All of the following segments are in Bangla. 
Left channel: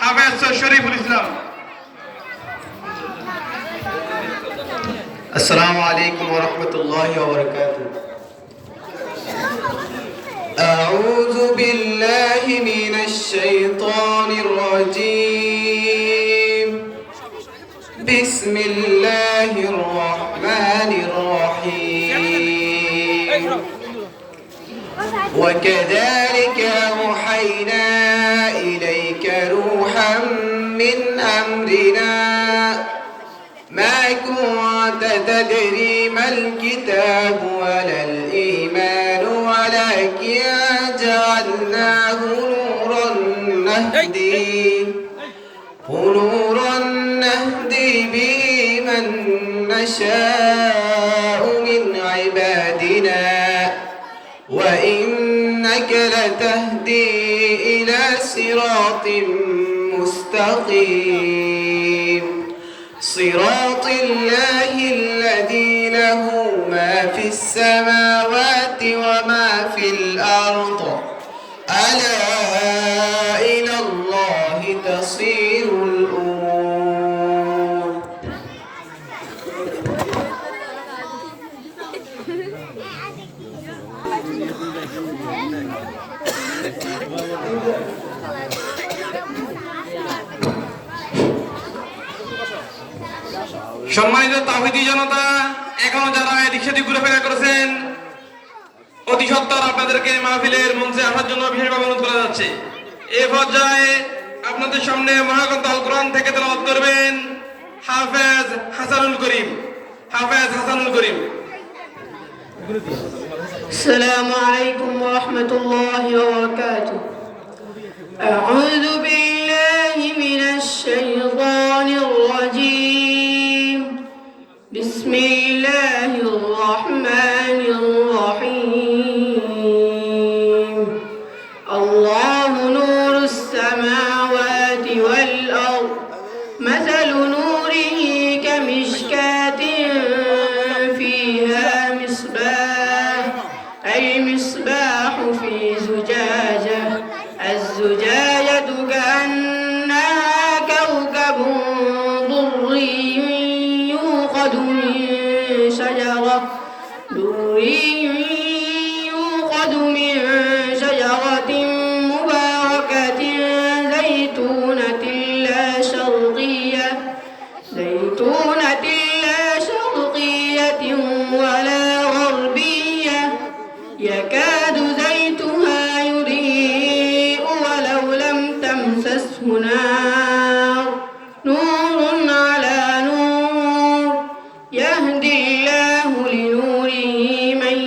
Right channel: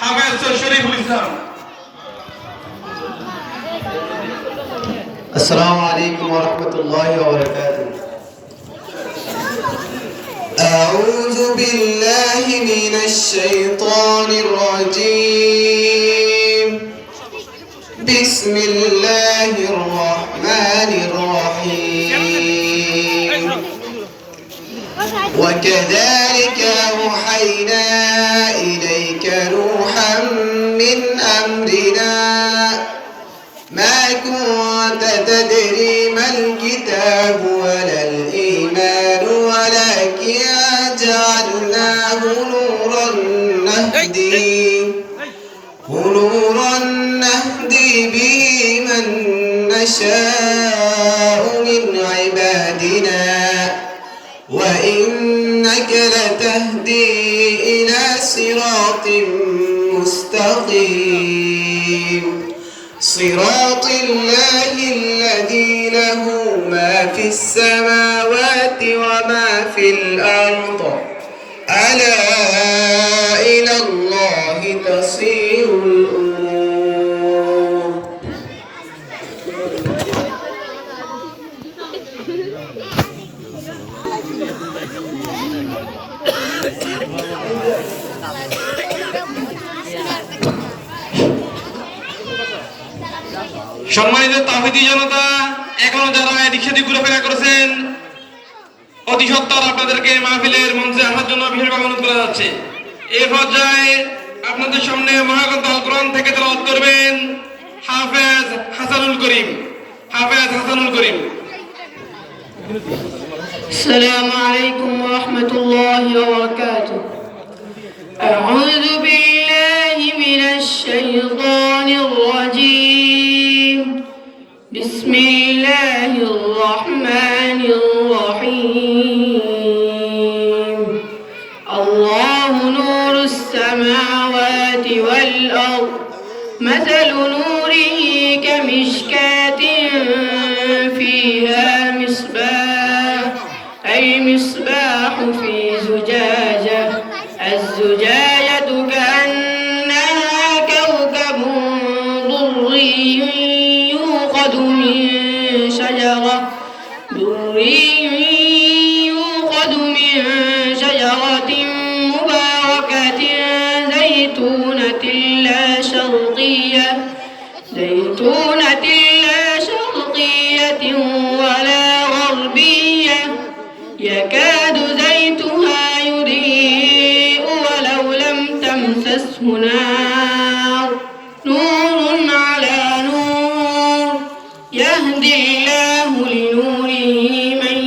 হাফেজ শরীফুল ইসলাম। السلام عليكم ورحمة الله وبركاته. أعوذ بالله من الشيطان الرجيم. بسم الله الرحمن الرحيم. وكذلك أوحينا إليك روحا من أمرنا ما كنت تدري ما الكتاب ولا الإيمان ولكن جعلناه نورا نهدي به من نشاء من عبادنا وإنك لتهدي إلى صراط مستقيم صراط الله الذي له ما في السماوات وما في الأرض ألا إلى الله تصير الأمور. সম্মানিত তাওহীদি জনতা, এখনো যারা এদিক সেদিক ঘুরেফেরা করেছেন, অতি সত্বর আপনাদেরকে মাহফিলের মঞ্চে আসার জন্য বিশেষভাবে অনুরোধ করা যাচ্ছে। এই পর্যায়ে আপনাদের সামনে মহাগ্রন্থ আল কোরআন থেকে তেলাওয়াত করবেন হাফেজ হাসানুল করিম। السلام عليكم ورحمة الله وبركاته. أعوذ بالله من الشيطان الرجيم. بسم الله الرحمن الرحيم. الله نور السماوات والأرض مثل نوره كمشكاة فيها مصباح المصباح في زجاجة الزجاجة كأنها كوكب دري يوقد من شجرة مباركة زيتونة لا شرقية ولا غربية يكاد زيتها يضيء ولو لم تمسسه نار نور على نور يهدي الله لنوره من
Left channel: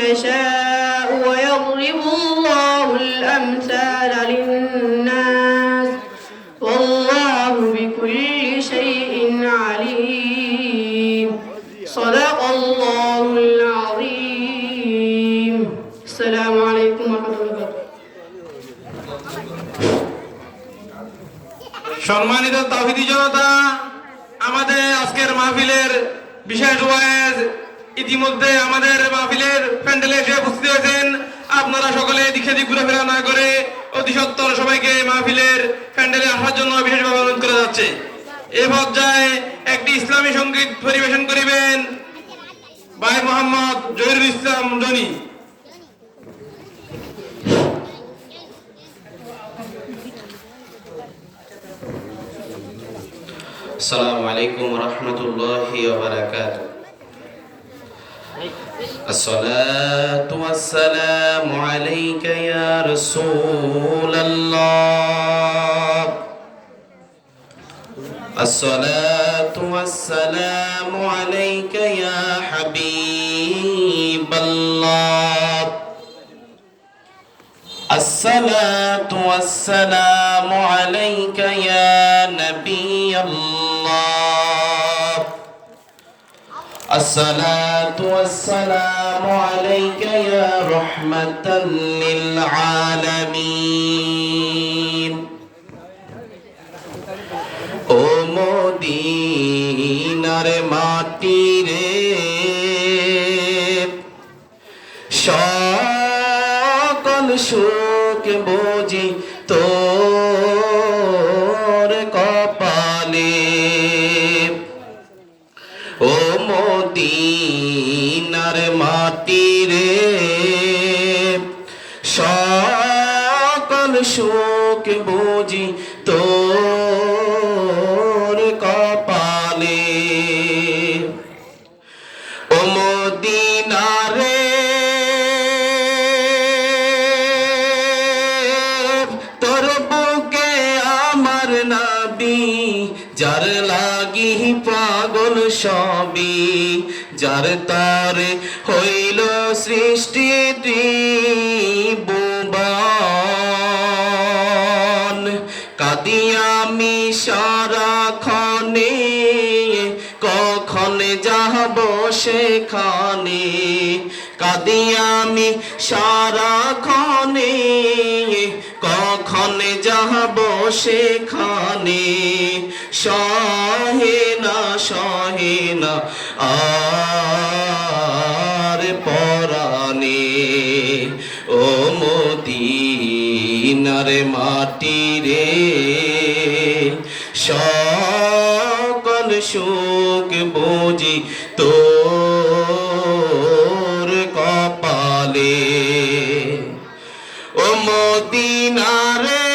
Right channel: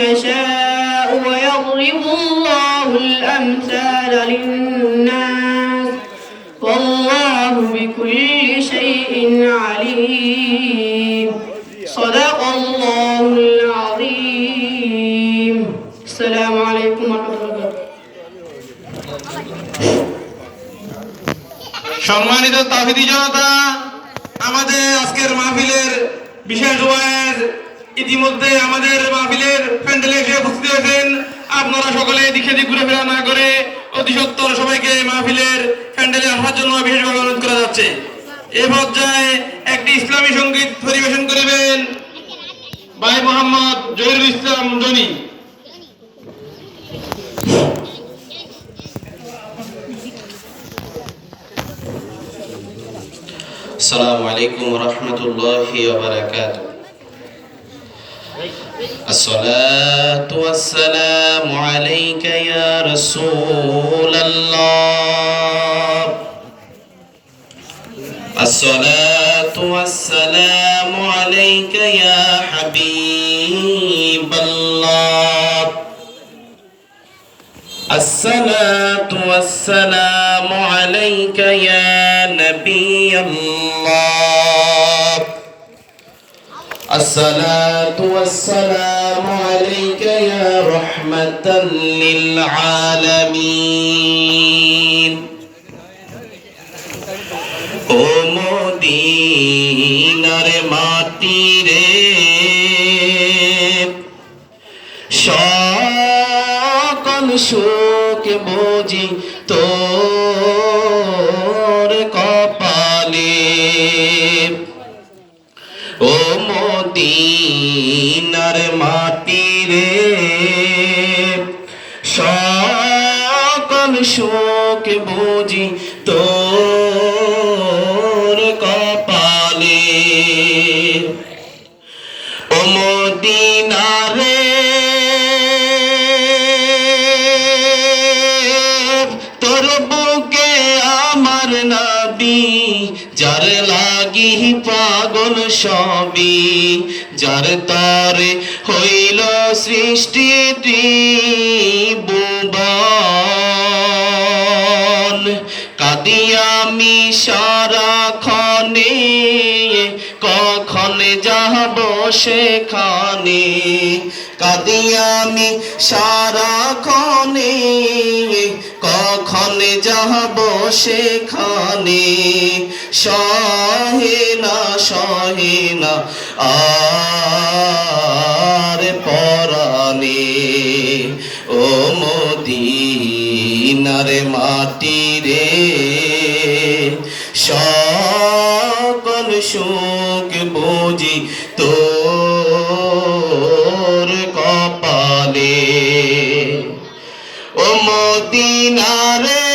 يشاء ويضرب الله الأمثال للناس والله بكل شيء عليم. صدق الله العظيم. السلام عليكم ورحمة الله وبركاته. সম্মানিত তাওহীদি জনতা, আমাদের আজকের মাহফিলের বিশেষ ওয়াইজ ইতিমধ্যে আমাদের মাহফিলের প্যান্ডেলে এসে উপস্থিত হয়েছেন। আপনারা সকলে এদিক সেদিক ঘুরেফেরা না করে অতি সত্বর সবাইকে মাহফিলের প্যান্ডেলে আসার জন্য বিশেষভাবে অনুরোধ করা যাচ্ছে। এই পর্যায়ে একটি ইসলামী সঙ্গীত পরিবেশন করিবেন ভাই মোহাম্মদ জহিরুল ইসলাম জনি। السلام عليكم ورحمة الله وبركاته. الصلاة والسلام عليك يا رسول الله. الصلاة والسلام عليك يا حبيب الله. الصلاة والسلام عليك يا نبي الله. الصلاة والسلام عليك يا رحمة للعالمين. ও মদিনার মাটি রে, সকল সুখ বুঝি তোর সুখ বুঝি তোর কপালে ও মদিনা রে তোর বুকে আমার নবী যার লাগি পাগল সবই যার তরে হইল সৃষ্টি ত্রিভুবন কাঁদি আমি সারাক্ষণে কখন যাব সেখানে কাঁদি আমি সারাক্ষণে কখন যাব সেখানে সহে না আর পরাণে ও মদিনার মাটি রে সকল সুখ বুঝি তোর কপালে ও মদিনা রে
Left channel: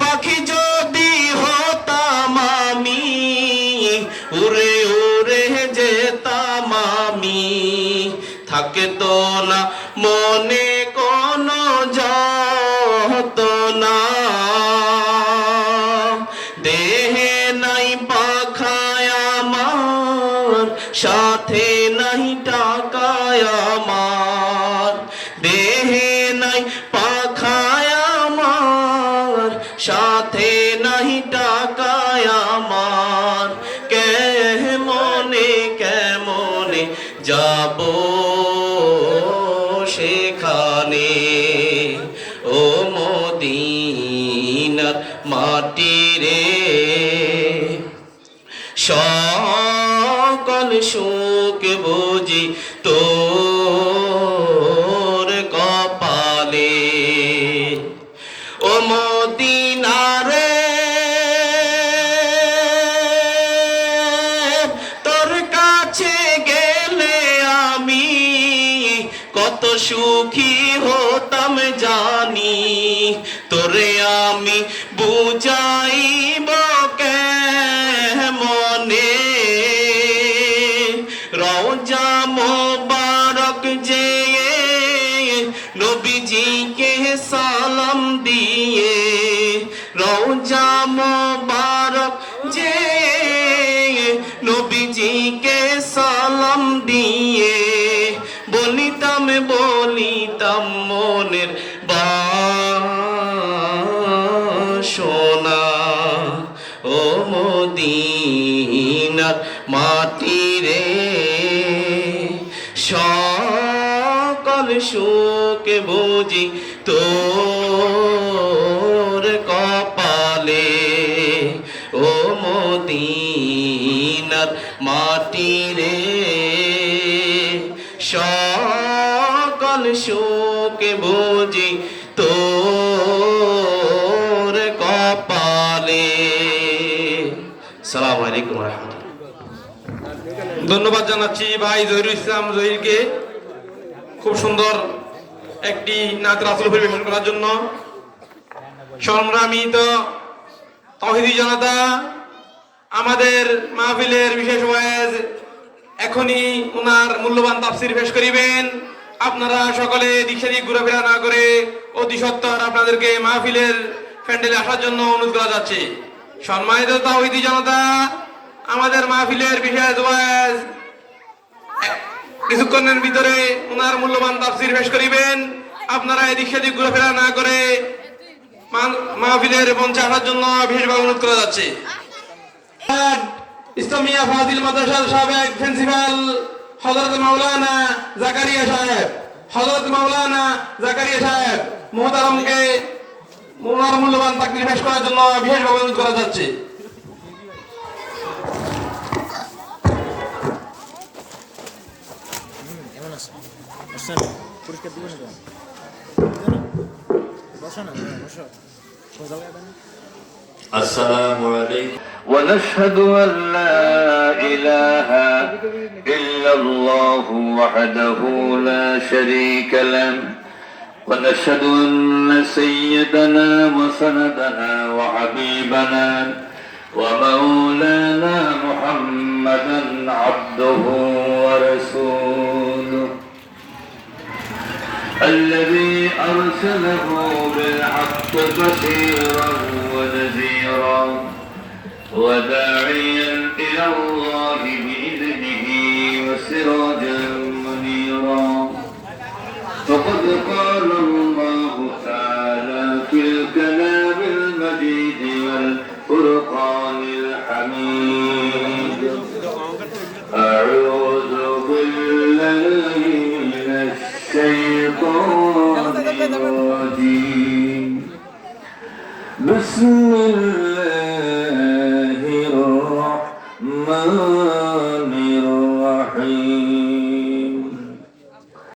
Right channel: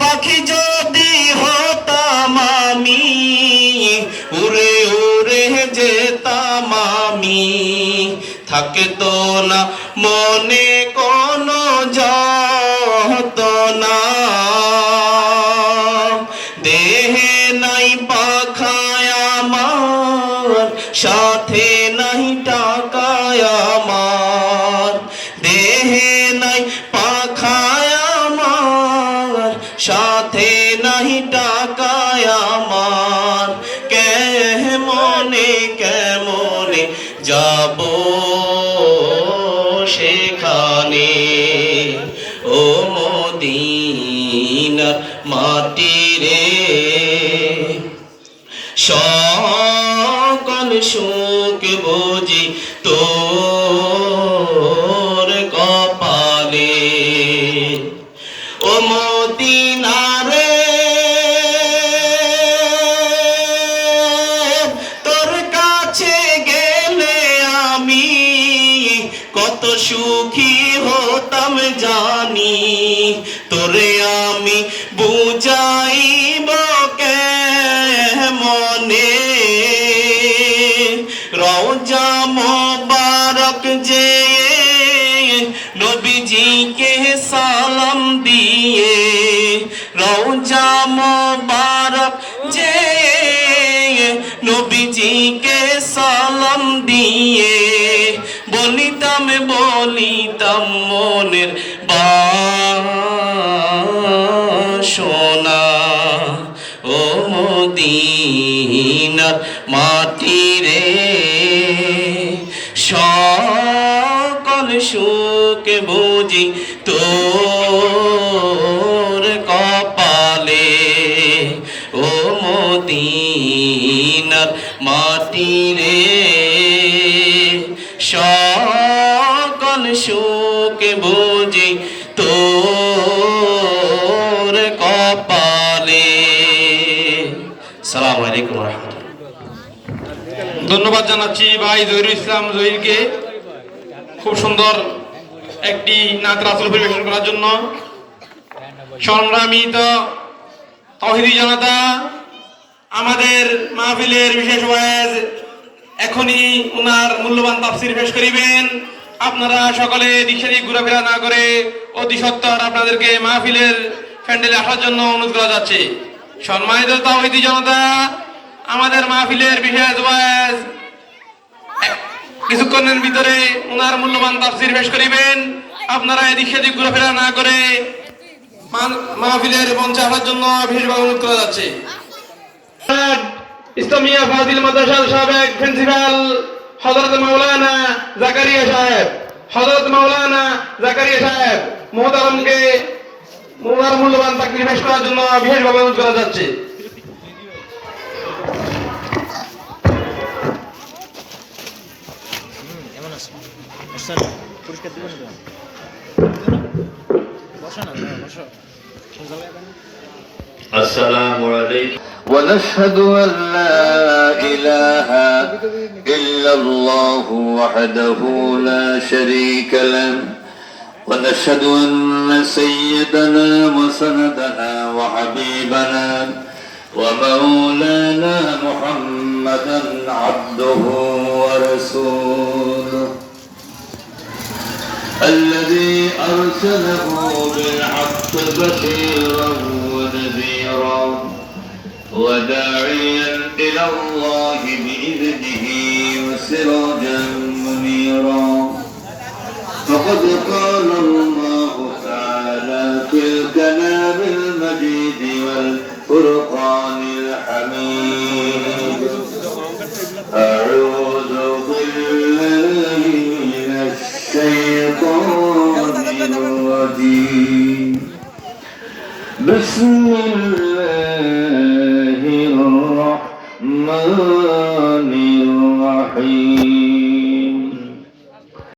পাখি যদি হতাম আমি উড়ে উড়ে যেতাম আমি থাকে তো না মনে কোনো যতনা দেহে নাই পাখায় আমার সাথে নাই টাকায় আমার দেহে নাই পাখায় আমার সাথে নাই টাকায় আমার কেমনে যাব সেখানে ও মদিনার মাটি রে সকল সুখ বুঝি তোর কপালে ও মদিনা রে তোর কাছে গেলে আমি কত সুখী হতাম জানি তোরে আমি বুঝাইব কেমনে রওজা মোবারক যে নবীজিকে সালাম দিয়ে রওজা মোবারক যে নবীজিকে সালাম দিয়ে বলিতাম মনের বাসনা ও মদিনার মাটি রে সকল সুখ বুঝি তোর কপালে ও মদিনার মাটি রে সকল সুখ বুঝি তোর কপালে। আসসালামু আলাইকুম ওয়া রাহমাতুল্লাহ। ধন্যবাদ জানাচ্ছি ভাই জহিরুল ইসলাম জহিরকে খুব সুন্দর একটি নাত রাসূল পরিবেশন করার জন্য। সম্মানিত তাওহীদি জনতা, আমাদের মাহফিলের বিশেষ ওয়াজ এখনই ওনার মূল্যবান তাফসীর পেশ করিবেন। আপনারা সকলে দিক সেদিক ঘোরাফেরা না করে অতি সত্বর আপনাদেরকে মাহফিলের প্যান্ডেলে আসার জন্য অনুরোধ করা যাচ্ছে। সম্মানিত তাওহীদি জনতা, আমাদের মাহফিলের বিশেষ ওয়াজ কিছুক্ষণের ভিতরে ওনার মূল্যবান তাফসীর পেশ করিবেন। আপনারা এদিক সেদিক ঘোরাফেরা না করে মাহফিলের মঞ্চে আসার জন্য বিশেষভাবে অনুরোধ করা যাচ্ছে। ইসলামিয়া ফাজিল মাদ্রাসার সাবেক প্রিন্সিপাল হযরত মাওলানা জাকারিয়া সাহেব মুহতারামকে ওনার মূল্যবান তাকরীর পেশ করার জন্য বিশেষভাবে অনুরোধ করা যাচ্ছে। আসসালামু আলাইকুম। ونشهد أن لا إله إلا الله وحده لا شريك له ونشهد أن سيدنا وسندنا وحبيبنا ومولانا محمدا عبده ورسوله الذي أرسله بالحق بشيرا ونذيرا وداعيا إلى الله بإذنه وسراجا منيرا فقد قال الله تعالى في الكلام المجيد والفرقان الحميد أعوذ بالله من الشيطان الرجيم بسم الله